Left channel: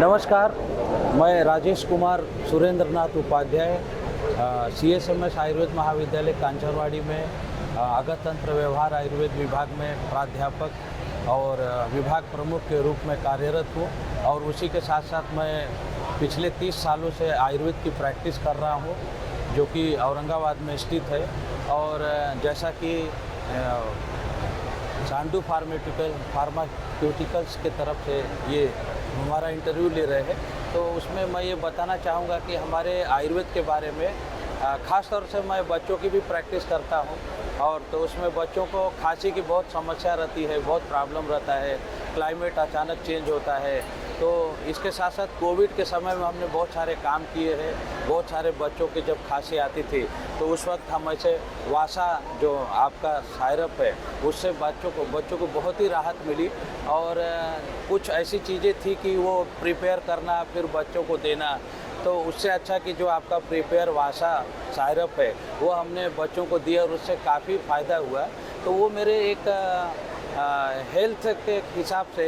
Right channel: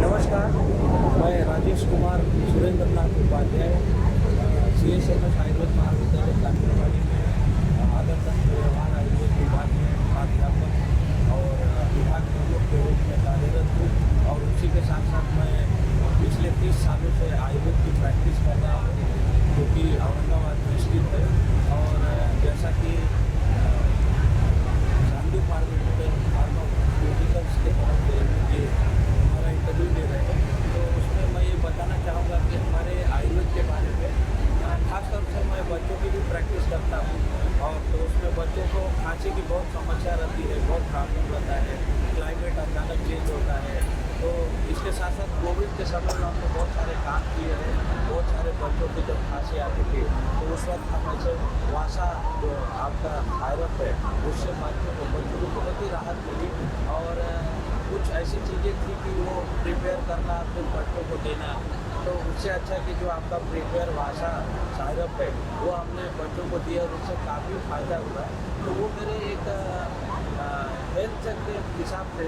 नमस्कार, मैं राजेश कुमार सुरेंद्रनाथ उपाध्याय CSMS आयुर्वेद महाविद्यालय कांचरवाड़ी में आगत तंत्र व्यवहार आयुर्वेद विभाग में प्राध्यापक और विभाग प्रमुख के रूप में कार्यरत हूँ। और उसी के साथ साथ मैं पिछले 30 सालों से आयुर्वेद की प्रैक्टिस कर रहा हूँ, जो कि औरंगाबाद में स्थित है। और जैसा कि चांदू फार्मास्यूटिकल्स के तरफ से ये हमारा इंटरव्यू ले रहे हैं, तो उसमें मैं ये बताना चाहूँगा कि हमारे आयुर्वेद के बारे में ख़ास तौर से मैं बच्चों की भी प्रैक्टिस करता हूँ। और तो उसमें बच्चों को खांसी की बहुत समस्या रहती है, बहुत प्रॉब्लम रहता है, क्लाइमेट अचानक चेंज होता है। तो इसके साथ साथ कोविड के समय में हमने बहुत सारे काम किए हैं। बहुत सारे बच्चों की जब खांसी आती थी तो उस वक्त हम ऐसे वासा जो आपका सायरप है उससे बच्चों को बहुत ही राहत मिली। और कुछ ऐसी चीज़ें थी कि वो प्रिपेयर करना फिर बच्चों को देना, तो उससे अच्छा कि जो आपका प्रिपेयर वासा सायरप है वो हमने बच्चों को दिया और उससे काफ़ी फ़ायदा हुआ। तो वो मेरे एक हेल्थ के हिसाब से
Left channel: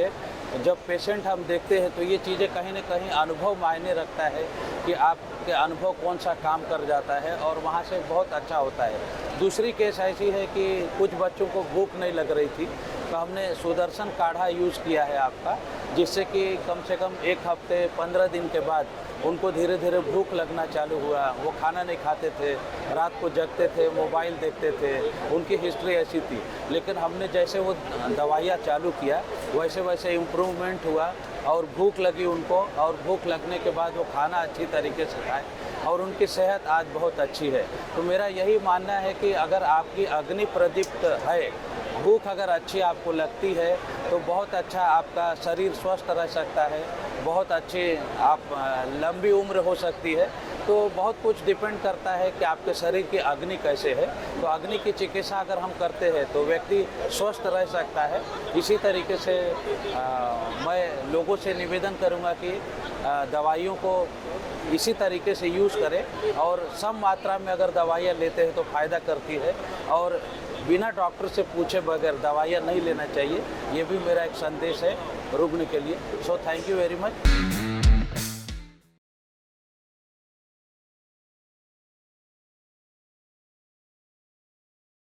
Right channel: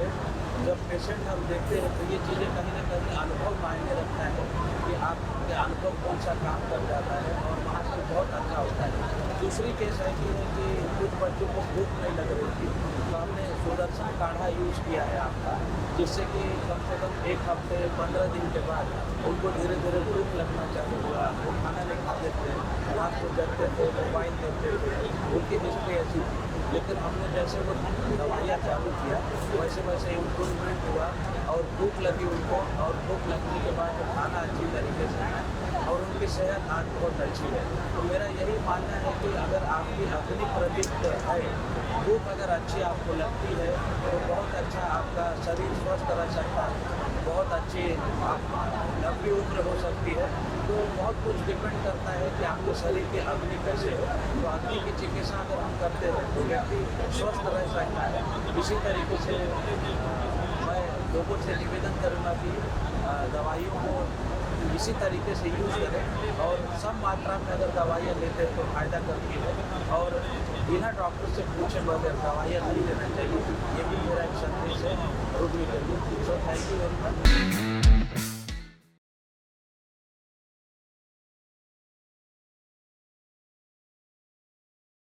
जब पेशेंट हम देखते हैं तो ये चीज़ें कहीं ना कहीं अनुभव मायने रखता है कि आपके अनुभव कौन सा काम कर जाता है और वहाँ से बहुत अच्छा होता है। दूसरी केस ऐसी है कि कुछ बच्चों को भूख नहीं लग रही थी, तो हमने सुदर्शन काढ़ा यूज़ किया है आपका, जिससे कि कम से कम 1 हफ्ते 15 दिन के बाद उनको धीरे धीरे भूख लगना चालू हुआ। वो खाना नहीं खाते थे, रात को जगते थे, मोबाइल देखते थे, उनकी हिस्ट्री ऐसी थी। लेकिन हमने जैसे वो दवाइयाँ चालू किया वैसे वैसे इम्प्रूवमेंट हुआ और भूख लगी उनको, और भूख लगने के बाद वो खाना अच्छी तरीके से खाए और उनकी सेहत आज बहुत अच्छी है। तो मेरा यही मानना है कि अगर आपकी अग्नि प्रदीप्त है, भूख अगर अच्छी आपको लगती है तो बहुत अच्छा आपका शरीर स्वस्थ रह सकता है, बहुत अच्छी आप लंबी उम्र हो सकती है। तो बहुत कुछ डिपेंड करता है कि आपके शरीर की अग्नि कैसे है। तो अग्नि की चिकित्सा अगर हम करते हैं तो व्यक्ति स्वस्थ रह सकता है। इसी तरीके से मैं लोगों से निवेदन करूँगा कि दवाइयों को इसी तरीके से यूज़ करें और सम मात्रा में अगर दवाइयाँ लेते हैं तो फ़ायदा करती है, और बिना डॉक्टर से पूछे बगैर दवाइयाँ नहीं लेना चाहिए। ये भी मेरा एक संदेश है रुकने के लिए। So thank you very much.